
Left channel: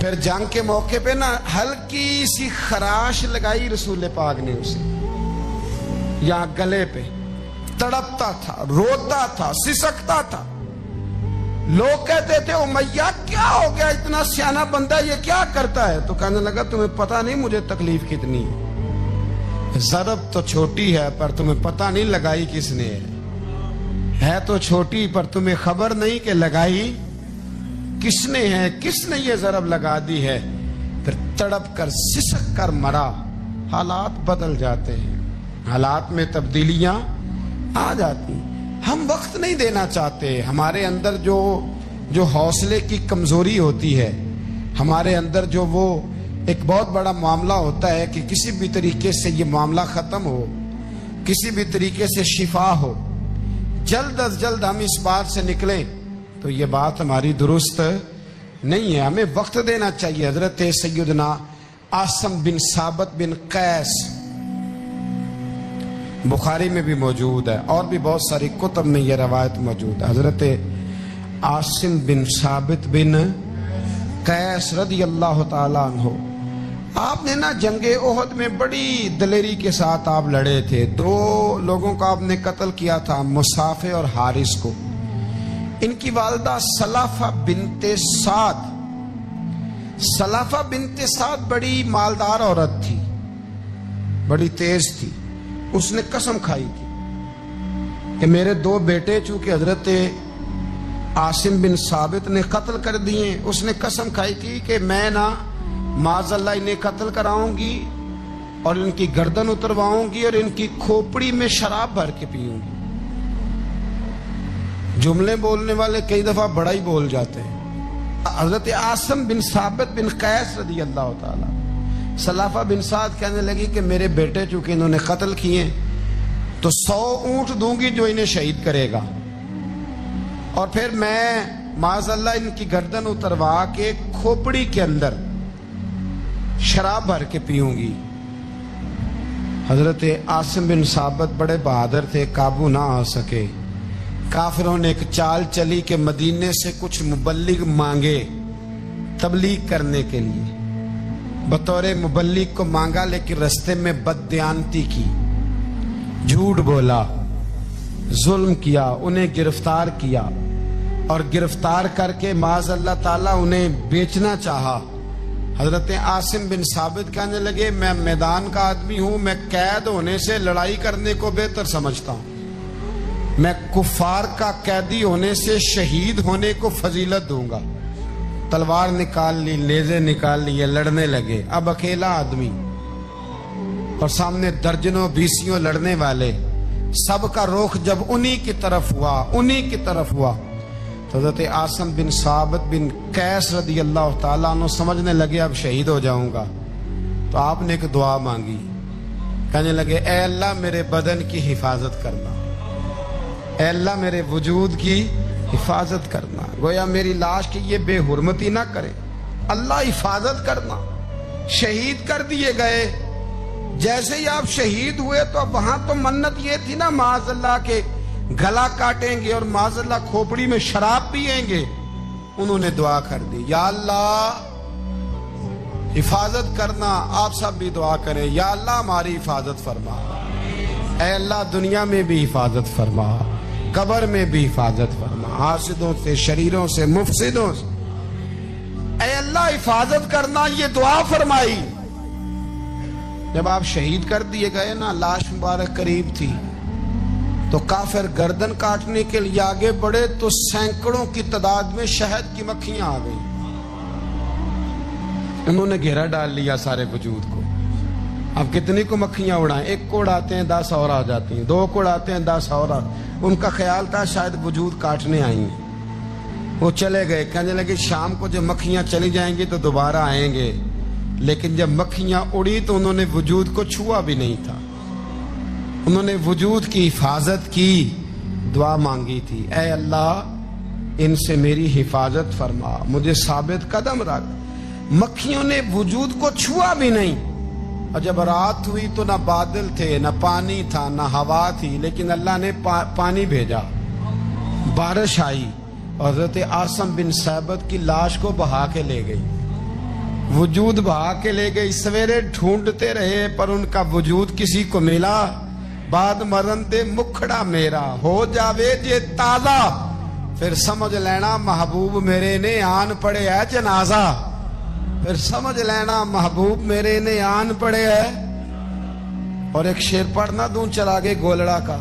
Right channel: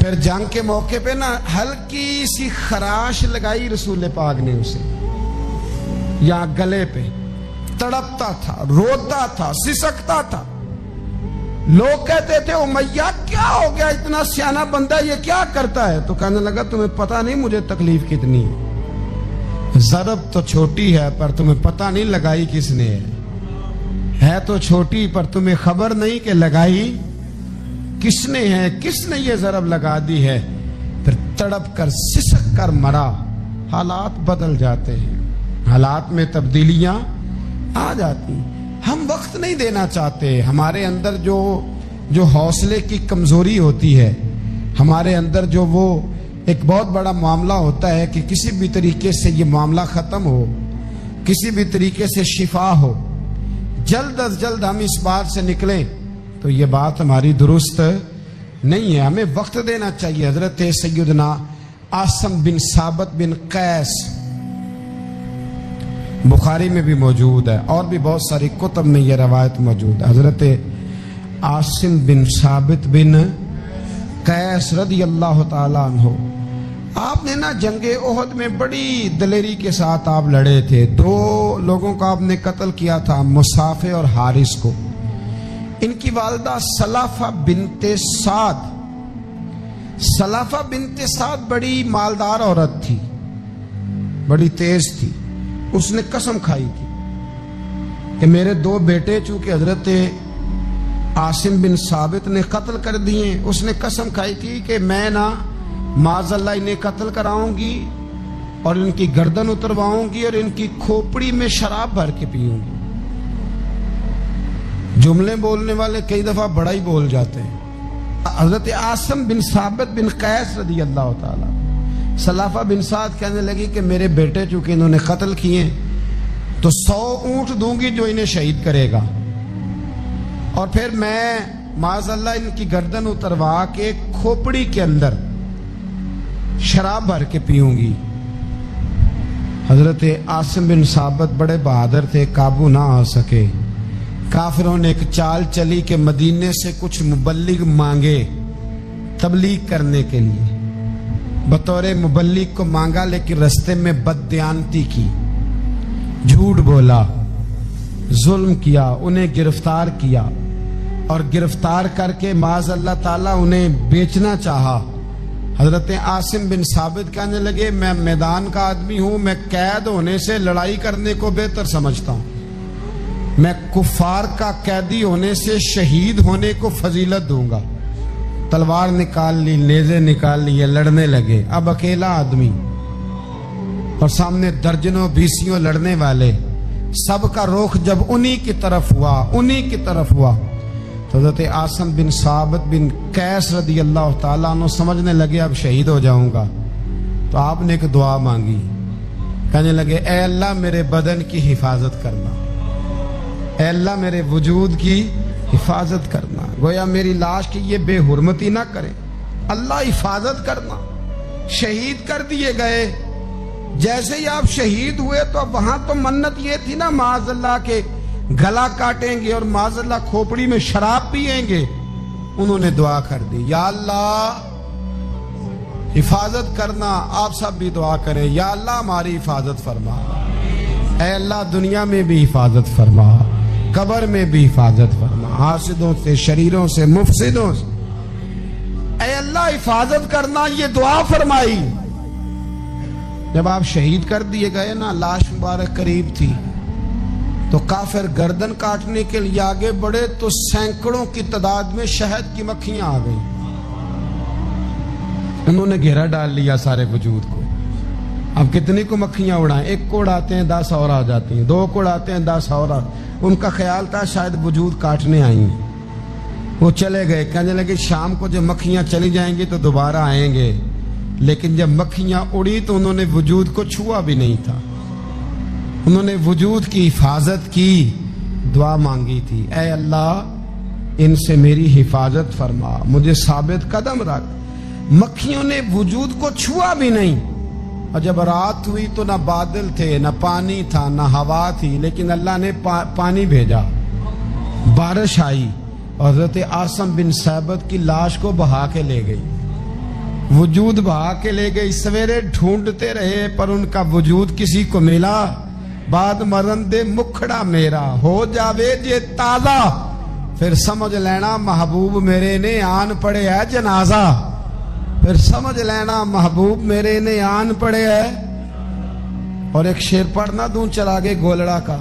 پھر جنگ کے موقع پہ نا ہلکی سی خراش لگائی رسول پاک نے اسے، یہاں گلے پہ، تڑپتا تھا، روتا تھا، سسکتا تھا۔ لوگ کہتے تھے امیہ کیا ہو گیا، اتنا سیانہ بندہ یہ کیا کرتا ہے؟ تو کہنے لگا تمہیں پتہ نہیں مجھے تکلیف کتنی ہے، ضرب تو چھوٹی ہے پر تمہیں پتہ نہیں لگائی کس نے ہے تو چھوٹی پر تمہیں خبر نہیں کہ لگائی کس نے ہے، کس نے یہ ضرب لگا دی ہے۔ پھر تڑپ کر سسک کر مرا۔ حالات بدل جاتے ہیں، حالات میں تبدیلیاں آ جاتی ہیں۔ ہم وقت نہیں دینا چاہتے، ہمارے اندر جو حوصلے کی کمزوری ہوتی ہے، ہمارے اندر جو وہ ایک بہت بڑا معاملہ ہوتا ہے کہ کسی بھی طریقے سے یہ معاملہ ختم ہو، کسی بھی طریقے سے شفا ہو، جلد از جلد ہم اس بات سے نکلیں، تو یہ بات ہماری درست نہیں ہے۔ ہمیں وقت دینا چاہیے۔ حضرت سیدنا عاصم بن ثابت بن قیس بخاری میں بھی موجود ہے، اور بھی بہت ساری کتب میں یہ روایت موجود ہے۔ حضرت عاصم بن ثابت بن قیس رضی اللہ تعالیٰ عنہ، آپ نے نا جنگ احد میں بڑی دلیری کے ساتھ آپ لڑے تھے۔ 2 لوگوں کو آپ نے قتل کیا تھا، مصافے اور حارث کو۔ ان کی والدہ سلافہ بنت سعد، سلافہ بنت سعد بڑی مالدار عورت تھی، بڑی تیز تھی۔ اس نے قسم کھائی تھی کہ میرے 2 بیٹے چونکہ حضرت عاصم بن ثابت نے قتل کر دیے، اس نے قسم کھائی تھی کہ میں نا معاذ اللہ انہیں قتل کراؤں گی اور ان کی گردن اترواؤں گی اور ان کی کھوپڑی میں شراب بھر کے پیوں گی۔ جملے بولنے والے کئی دفعہ بڑا ہی بول جاتے ہیں، حضرت عاصم بن ثابت بن قیس رضی اللہ تعالیٰ، سلافہ بن سعد کہنے لگی کہ میرے بیٹے چونکہ انہوں نے قتل کیے تو 100 اونٹ دوں گی جو انہیں شہید کرے گا، اور پھر میں معاذ اللہ ان کی گردن اتروا کے کھوپڑی کے اندر شراب بھر کے پیوں گی۔ حضرت عاصم بن ثابت بڑے بہادر تھے، قابو نہ آ سکے۔ کافروں نے ایک چال چلی کہ مدینے سے کچھ مبلغ مانگے تبلیغ کرنے کے لیے، بطور مبلغ کو مانگا، لیکن رستے میں بددیانتی کی، جھوٹ بولا، ظلم کیا، انہیں گرفتار کیا، اور گرفتار کر کے معاذ اللہ تعالیٰ انہیں بیچنا چاہا۔ حضرت عاصم بن ثابت کہنے لگے میں میدان کا آدمی ہوں، میں قید ہونے سے لڑائی کرنے کو بہتر سمجھتا ہوں، میں کفار کا قیدی ہونے سے شہید ہونے کو فضیلت دوں گا۔ تلوار نکال لی، نیزے نکال لیے، لڑنے لگے۔ اب اکیلا آدمی اور سامنے درجنوں بیسیوں لڑنے والے، سب کا رخ جب انہی کی طرف ہوا تو حضرت عاصم بن ثابت بن قیس رضی اللہ تعالیٰ عنہ سمجھنے لگے اب شہید ہو جاؤں گا، تو آپ نے ایک دعا مانگی، کہنے لگے اے اللہ میرے بدن کی حفاظت کرنا، اے اللہ میرے وجود کی حفاظت کرنا، گویا میری لاش کی یہ بے حرمتی نہ کرے، اللہ حفاظت کرنا۔ شہید کر دیے گئے۔ جیسے ہی آپ شہید ہوئے تو اب وہاں تو منت یہ تھی نا معاذ اللہ کے گلا کاٹیں گے اور معاذ اللہ کھوپڑی میں شراب پیئیں گے۔ انہوں نے دعا کر دی، یا اللہ حفاظت کرنا۔ آپ سب بھی دعا کریں، یا اللہ ہماری حفاظت فرما، اے اللہ دنیا میں بھی حفاظت فرما، قبر میں بھی حفاظت فرما، حاسدوں سے، شریروں سے، مفسدوں سے، اے اللہ حفاظت کرنا۔ یہ دعا فرمائی۔ جب آپ شہید کر دیے گئے نا، لاش مبارک قریب تھی، تو کافر گردن کاٹنے کے لیے آگے بڑھے تو سینکڑوں کی تعداد میں شہد کی مکھیاں آ گئی، انہوں نے گھیرا ڈال لیا سارے وجود کو۔ اب کتنی کو مکھیاں اڑائیں؟ ایک کو اڑاتے ہیں 10 اور آ جاتی ہیں، 2 کو اڑاتے ہیں 10 اور آ۔ ان کا خیال تھا شاید وجود کاٹنے آئی ہیں، وہ چلے گئے، کہنے لگے شام کو جب مکھیاں چلی جائیں گی تو دوبارہ آئیں گے۔ لیکن جب مکھیاں اڑی تو انہوں نے وجود کو چھوا بھی نہیں تھا، انہوں نے وجود کی حفاظت کی، دعا مانگی تھی، اے اللہ ان سے میری حفاظت فرما، مجھے ثابت قدم رکھ۔ مکھیوں نے وجود کو چھوا بھی نہیں، اور جب رات ہوئی تو نہ بادل تھے، نہ پانی تھا، نہ ہوا تھی، لیکن اللہ نے پانی بھیجا، بارش آئی، اور حضرت عاصم بن ثابت کی لاش کو بہا کے لے گئی، وجود بہا کے لے گئی۔ سویرے ڈھونڈتے رہے پر ان کا وجود کسی کو ملا۔ بعد مرن دے مکھڑا میرا ہو جاوے جے تازہ، پھر سمجھ لینا محبوب میرے نے آن پڑے ہے جنازہ، پھر سمجھ لینا محبوب میرے نے آن پڑے ہے۔ اور ایک شعر پڑھنا دوں چلا گے گولڑا کا،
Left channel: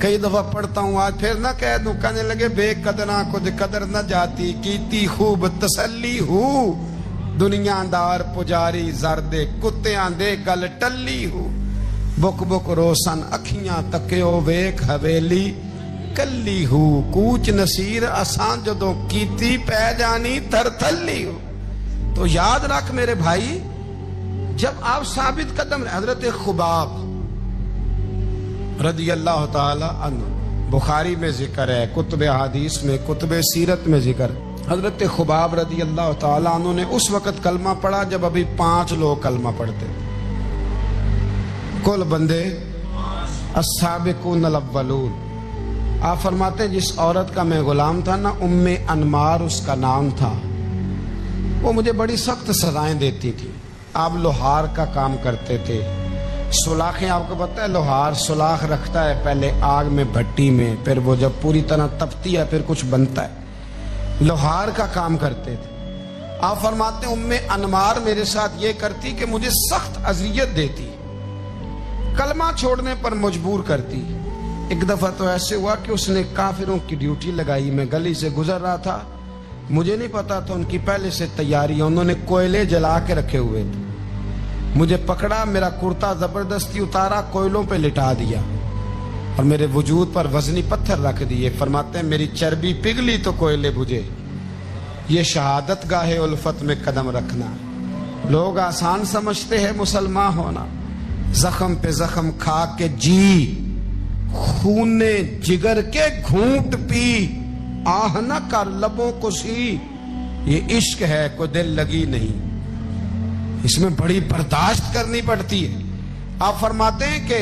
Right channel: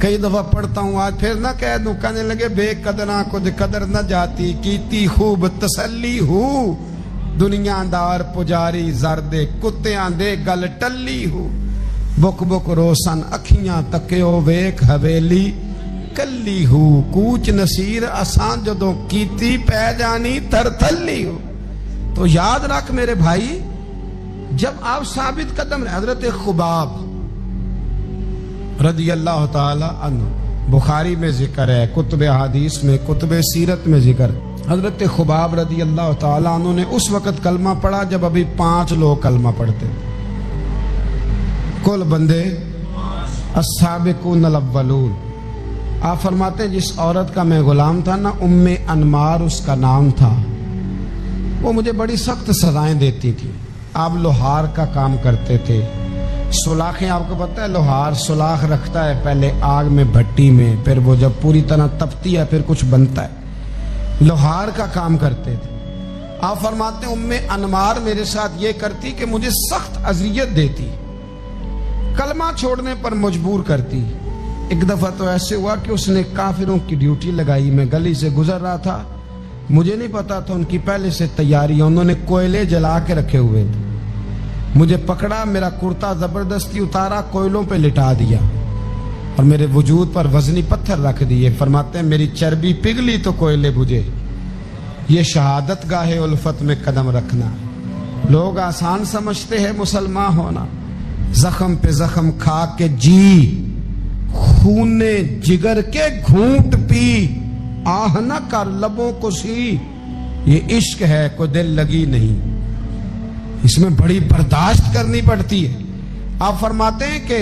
کئی دفعہ پڑھتا ہوں، آج پھر نہ کہہ دوں۔ کہنے لگے بے قدرہ کچھ قدر نہ جاتی، کیتی خوب تسلی ہو، دنیا دار پجاری زردے کتیاں دے گل ٹلی ہو، بک بک روشن اکھیاں تکیو ویک حویلی کلی ہو، کوچ نصیر اسان جدوں کیتی پہ جانی تر تھلی ہو۔ تو یاد رکھ میرے بھائی، جب آپ ثابت قدم رہے، حضرت خباب رضی اللہ تعالی عنہ، بخاری میں ذکر ہے، کتب حدیث میں، کتب سیرت میں ذکر ہے، حضرت خباب رضی اللہ تعالی عنہ نے اس وقت کلمہ پڑھا جب ابھی 5 لوگ کلمہ پڑھتے تھے، کل بندے السابقون الاولون۔ آپ فرماتے ہیں جس عورت کا میں غلام تھا نا، ام انمار اس کا نام تھا، وہ مجھے بڑی سخت سزائیں دیتی تھی۔ آپ لوہار کا کام کرتے تھے، سلاخیں، آپ کو پتہ ہے لوہار سلاخ رکھتا ہے پہلے آگ میں بھٹی میں، پھر وہ جب پوری طرح تپتی ہے پھر کچھ بنتا ہے، لوہار کا کام کرتے تھے۔ آپ فرماتے ہیں ام انمار میرے ساتھ یہ کرتی کہ مجھے سخت اذیت دیتی، کلمہ چھوڑنے پر مجبور کرتی۔ ایک دفعہ تو ایسے ہوا کہ اس نے کافروں کی ڈیوٹی لگائی، میں گلی سے گزر رہا تھا، مجھے نہیں پتا تھا ان کی پہلے سے تیاری، انہوں نے کوئلے جلا کے رکھے ہوئے تھے، مجھے پکڑا، میرا کرتا زبردستی اتارا، کوئلوں پہ لٹا دیا اور میرے وجود پر وزنی پتھر رکھ دیے۔ فرماتے ہیں میری چربی پگھلی تو کوئلے بجھے، یہ شہادت گاہ الفت میں قدم رکھنا ہے۔ لوگ آسان سمجھتے ہیں مسلمان ہونا، زخم پہ زخم کھا کے جی، خون جگر کے گھونٹ پی، آہ نہ کر لبوں کو سی، یہ عشق ہے کوئی دل لگی نہیں، اس میں بڑی برداشت کرنی پڑتی ہے۔ آپ فرماتے ہیں کہ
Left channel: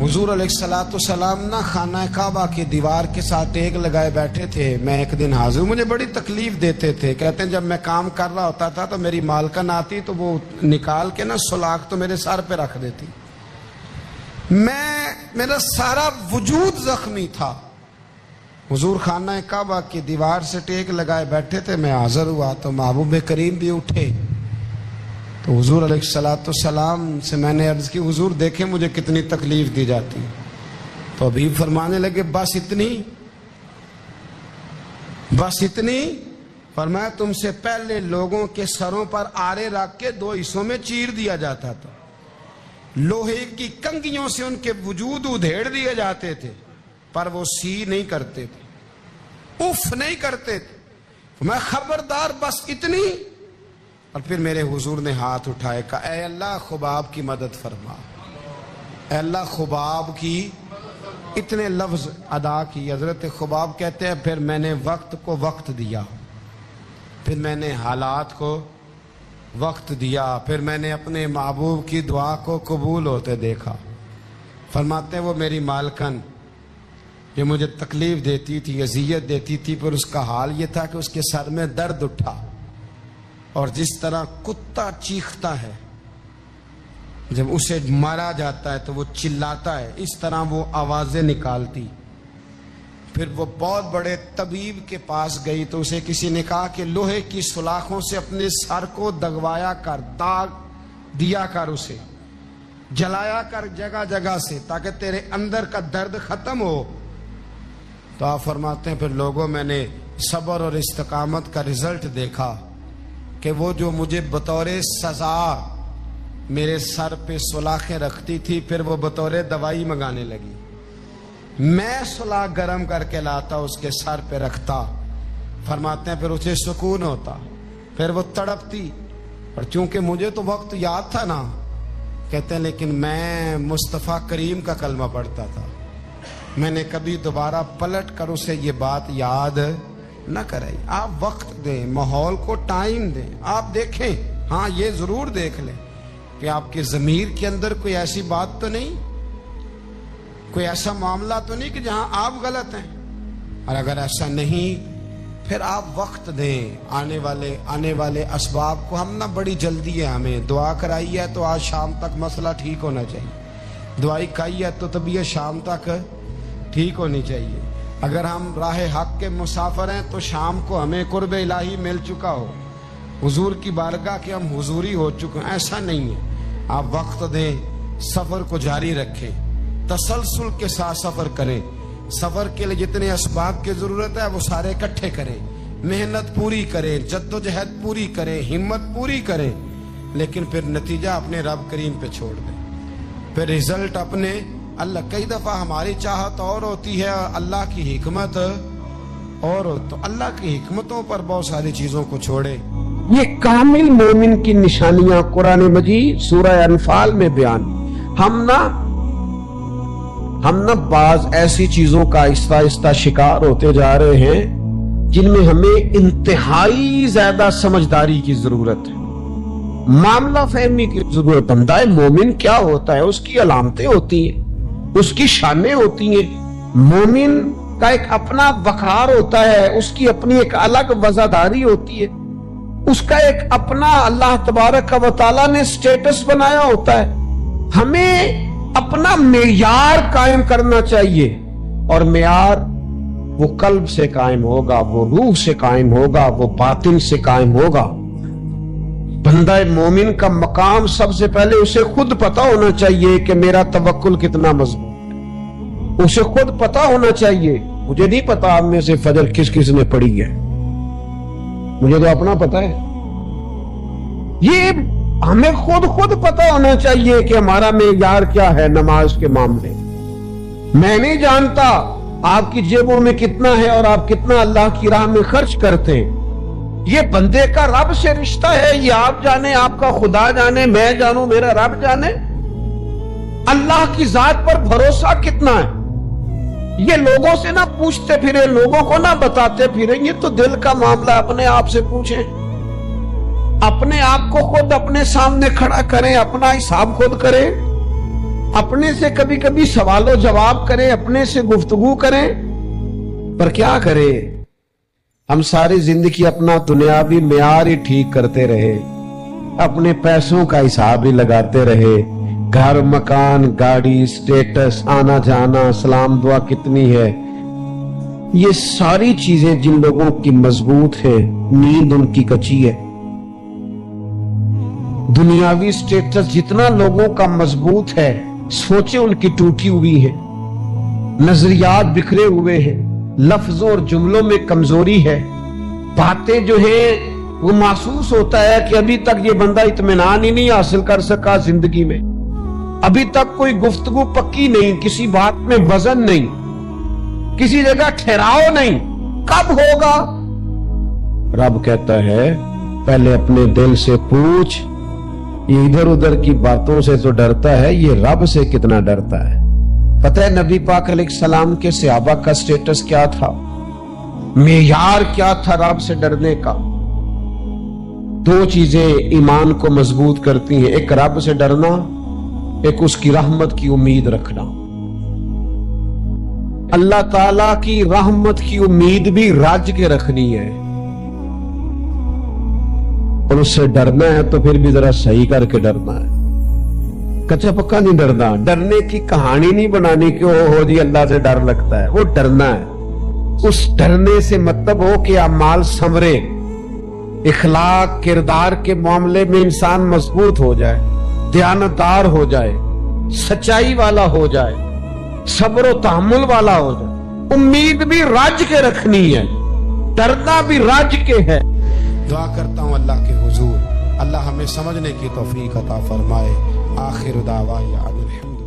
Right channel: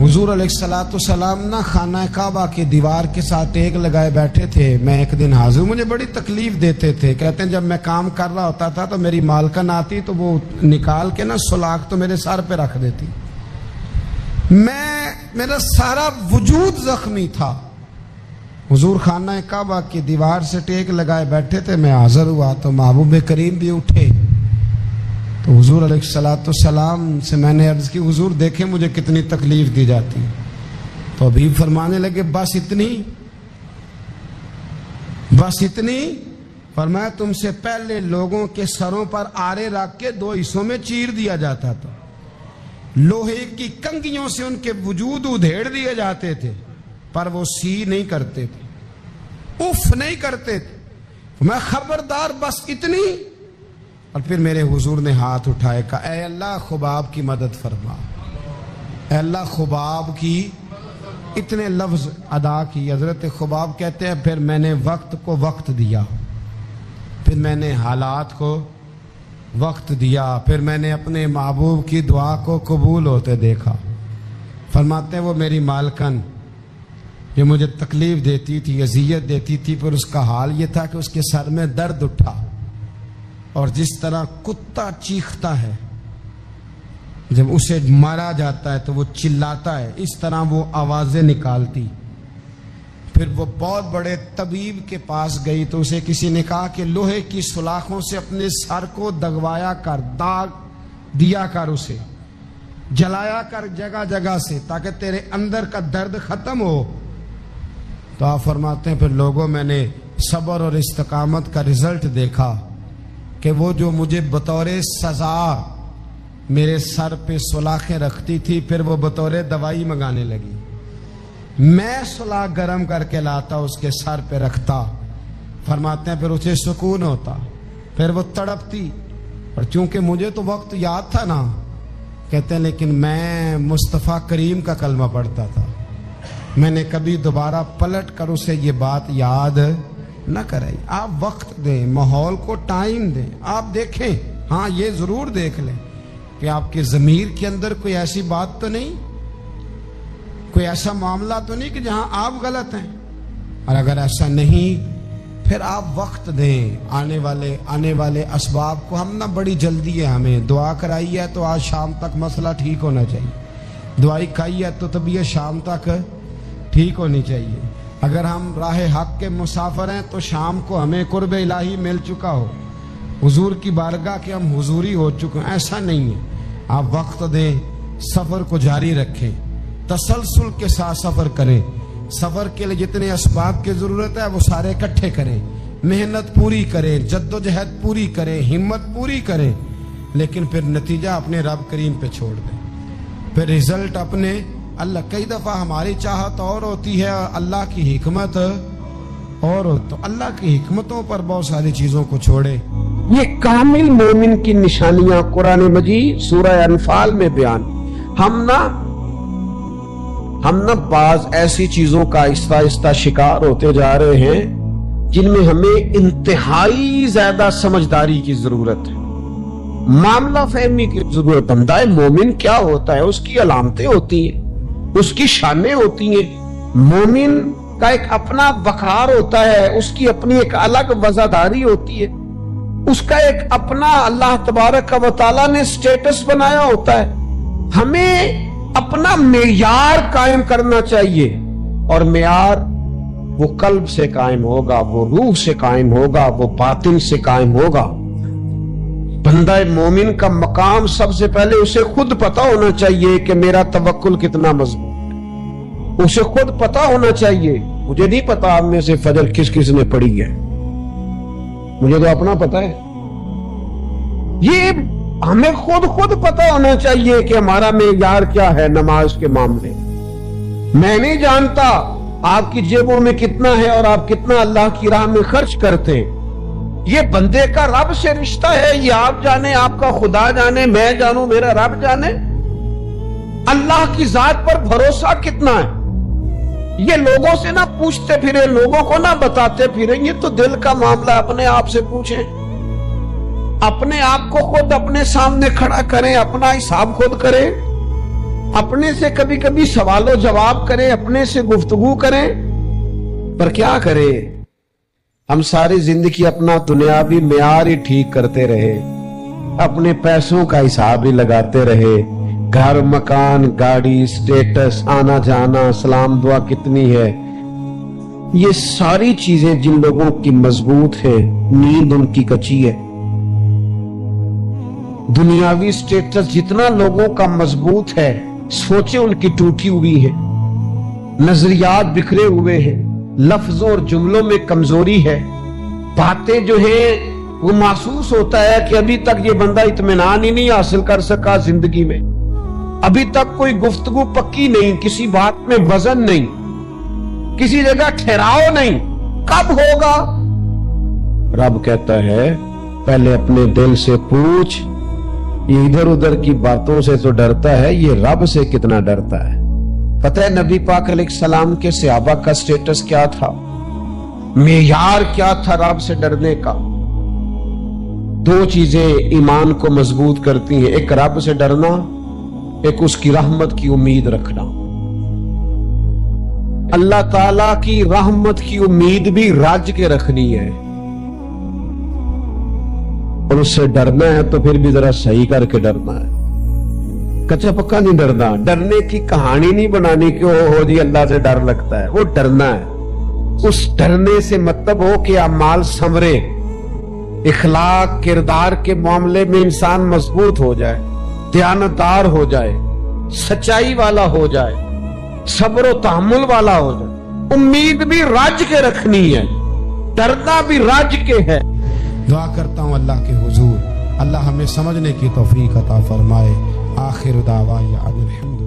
حضور علیہ السلام نہ خانہ کعبہ کی دیوار کے ساتھ ایک لگائے بیٹھے تھے۔ میں ایک دن حاضر، مجھے بڑی تکلیف دیتے تھے، کہتے ہیں جب میں کام کر رہا ہوتا تھا تو میری مالکن آتی تو وہ نکال کے نا سلاخ تو میرے سر پہ رکھ دیتی، میرا سارا وجود زخمی تھا۔ حضور خانہ کعبہ کی دیوار سے ٹیک لگائے بیٹھے تھے، میں حاضر ہوا تو محبوب کریم بھی اٹھے، تو حضور علیہ السلام سے میں نے عرض کی حضور دیکھیں مجھے کتنی تکلیف دی جاتی، تو ابھی فرمانے لگے بس اتنی۔ فرمایا تم سے پہلے لوگوں کے سروں پر آرے رکھ کے 2 حصوں میں چیر دیا جاتا تھا، لوہے کی کنگھیوں سے ان کے وجود ادھیڑ دیے جاتے تھے، پر وہ سی نہیں کرتے تھے، اف نہیں کرتے تھے۔ میں خبردار بس اتنی۔ اور پھر میرے حضور نے ہاتھ اٹھائے، کہا اے اللہ خباب کی مدد فرما، اے اللہ خباب کی، اتنے لفظ ادا کی۔ حضرت خباب کہتے ہیں پھر میں نے وقت کو وقت دیا، پھر میں نے حالات کو وقت دیا، پھر میں نے اپنے محبوب کی دعا کو قبول ہوتے دیکھا۔ فرماتے ہیں وہ میری مالکن جو مجھے تکلیف دیتی تھی، اذیت دیتی تھی، پر اس کا حال یہ تھا کہ اس کے سر میں درد اٹھا، اور جس طرح کتا چیختا ہے جب اسے مارا جاتا ہے تو وہ چلاتا ہے، اس طرح وہ آوازیں نکالتی۔ پھر وہ بہت بڑے طبیب کے پاس گئی تو اسے کسی نے کہا کہ لوہے کی سلاخوں سے اپنے سر کو دگوایا کر، داغ دیا کر، اسے جلایا کر جگہ جگہ سے، تاکہ تیرے اندر کا درد ختم ہو۔ تو آپ فرماتے ہیں پھر لوگوں میں نے صبر اور استقامت کا رزلٹ دیکھا کہ وہ جو مجھے بطور سزا میرے سر پہ سلاخیں رکھتی تھی، پھر وہ بطور دوائی منگانے لگی، میں سلاخ گرم کر کے لاتا اس کے سر پہ رکھتا۔ فرماتے ہیں پھر اسے سکون ہوتا، پھر وہ تڑپتی، اور چونکہ مجھے تو وقت یاد تھا نا، کہتے ہیں لیکن میں مصطفیٰ کریم کا کلمہ پڑھتا تھا، میں نے کبھی دوبارہ پلٹ کر اسے یہ بات یاد نہ کرائی۔ آپ وقت دیں، ماحول کو ٹائم دیں، آپ دیکھیں، ہاں یہ ضرور دیکھ لیں کہ آپ کے ضمیر کے اندر کوئی ایسی بات تو نہیں، کوئی ایسا معاملہ تو نہیں کہ جہاں آپ غلط ہیں، اور اگر ایسا نہیں پھر آپ وقت دیں آنے والے اسباب کو۔ ہم نہ بڑی جلدی ہے، ہمیں دعا کرائی ہے تو آج شام تک مسئلہ ٹھیک ہونا چاہیے، دعائی کھائی ہے تو طبیعت شام تک ٹھیک ہونی چاہیے۔ اگر ہم راہ حق کے مسافر ہیں تو شام کو ہمیں قرب الہی مل چکا ہو، حضور کی بارگاہ کے ہم حضوری ہو چکے ہیں، ایسا نہیں ہے۔ آپ وقت دیں، سفر کو جاری رکھیں، تسلسل کے ساتھ سفر کریں، سفر کے لیے جتنے اسباب کی ضرورت ہے وہ سارے اکٹھے کریں، محنت پوری کریں، جد و جہد پوری کریں، ہمت پوری کریں، لیکن پھر نتیجہ اپنے رب کریم پہ چھوڑ دیں، پھر رزلٹ اپنے اللہ۔ کئی دفعہ ہماری چاہت اور ہوتی ہے اور اللہ کی حکمت اور ہو، تو اللہ کی حکمتوں پر بہت ساری چیزوں کو چھوڑے۔ یہ کامل مومن کی نشانیاں قرآن مجید سورہ انفال میں بیان۔ ہم نہ بعض ایسی چیزوں کا آہستہ آہستہ شکار ہوتے جا رہے ہیں جن میں ہمیں انتہائی زیادہ سمجھداری کی ضرورت ہے، معاملہ فہمی کی ضرورت۔ بندہ مومن کیا ہوتا ہے، اس کی علامتیں ہوتی ہیں، اس کی شانیں ہوتی ہیں۔ مومن کا ایک اپنا وقار ہوتا ہے، اس کی اپنی ایک الگ وزاداری ہوتی ہے، اس کا ایک اپنا اللہ تبارک و تعالیٰ نے سٹیٹس بنایا ہوتا ہے۔ ہمیں اپنا معیار قائم کرنا چاہیے، اور معیار وہ قلب سے قائم ہوگا، وہ روح سے قائم ہوگا، وہ باطن سے قائم ہوگا۔ بندہ مومن کا مقام سب سے پہلے اسے خود پتا ہونا چاہیے کہ میرا توکل کتنا مضبوط ہے، اسے خود پتا ہونا چاہیے۔ مجھے نہیں پتا آپ میں سے فجر کس نے پڑھی ہے، مجھے تو اپنا پتا ہے۔ یہ ہمیں خود پتا ہونا چاہیے کہ ہمارا معیار کیا ہے نماز کے معاملے۔ میں نہیں جانتا آپ کی جیبوں میں کتنا ہے اور آپ کتنا اللہ کی راہ میں خرچ کرتے ہیں. یہ بندے کا رب سے رشتہ ہے. یہ آپ جانے, آپ کا خدا جانے, میں جانوں, میرا رب جانے. اللہ کی ذات پر بھروسہ کتنا ہے. یہ لوگوں سے نہ پوچھتے پھرے, لوگوں کو نہ بتاتے پھرے. یہ تو دل کا معاملہ, اپنے آپ سے پوچھیں. اپنے آپ کو خود اپنے سامنے کھڑا کریں, اپنا حساب خود کریں, اپنے سے کبھی کبھی سوال و جواب کریں, اپنے سے گفتگو کریں. پر کیا کریں, ہم ساری زندگی اپنا دنیاوی معیار ہی ٹھیک کرتے رہے, اپنے پیسوں کا حساب ہی لگاتے رہے. گھر, مکان, گاڑی, سٹیٹس, آنا جانا, سلام دعا کتنی ہے. یہ ساری چیزیں جن لوگوں کی مضبوط ہے, نیند ان کی کچی ہے. دنیاوی سٹیٹس جتنا لوگوں کا مضبوط ہے, سوچیں ان کی ٹوٹی ہوئی ہے. نظریات بکھرے ہوئے ہیں, لفظوں اور جملوں میں کمزوری ہے. باتیں جو ہیں وہ محسوس ہوتا ہے کہ ابھی تک یہ بندہ اطمینان ہی نہیں حاصل کر سکا زندگی میں. ابھی تک کوئی گفتگو پکی نہیں, کسی بات میں وزن نہیں, کسی جگہ ٹھہراؤ نہیں. کب ہوگا؟ رب کہتا ہے پہلے اپنے دل سے پوچھ. یہ ادھر ادھر کی باتوں سے تو ڈرتا ہے, یہ رب سے کتنا ڈرتا ہے. پتہ ہے نبی پاک علیہ السلام کے صحابہ کا سٹیٹس کیا تھا, معیار کیا تھا رب سے ڈرنے کا؟ دو چیزیں ایمان کو مضبوط کرتی ہیں, ایک رب سے ڈرنا, ایک اس کی رحمت کی امید رکھنا. اللہ تعالی کی رحمت کی امید بھی رج کے رکھنی ہے, اور اس سے ڈرنا ہے تو پھر بھی ذرا صحیح کر کے ڈرنا ہے. کچا پکا نہیں ڈرنا. ڈرنے کی کہانی نہیں بنانی کہ ہو جی اللہ سے ڈر لگتا ہے, وہ ڈرنا ہے. اس ڈرنے سے مطلب ہو کہ اعمال سنورے, اخلاق کردار کے معاملے میں انسان مضبوط ہو جائے, دیانتدار ہو جائے, سچائی والا ہو جائے, صبر و تحمل والا ہو جائے. امید بھی رج کے رکھنی ہے, ڈرنا بھی رج کے ہے. دعا کرتا ہوں اللہ کے حضور اللہ ہمیں سمجھنے کی توفیق عطا فرمائے. آخر دعوانا الحمد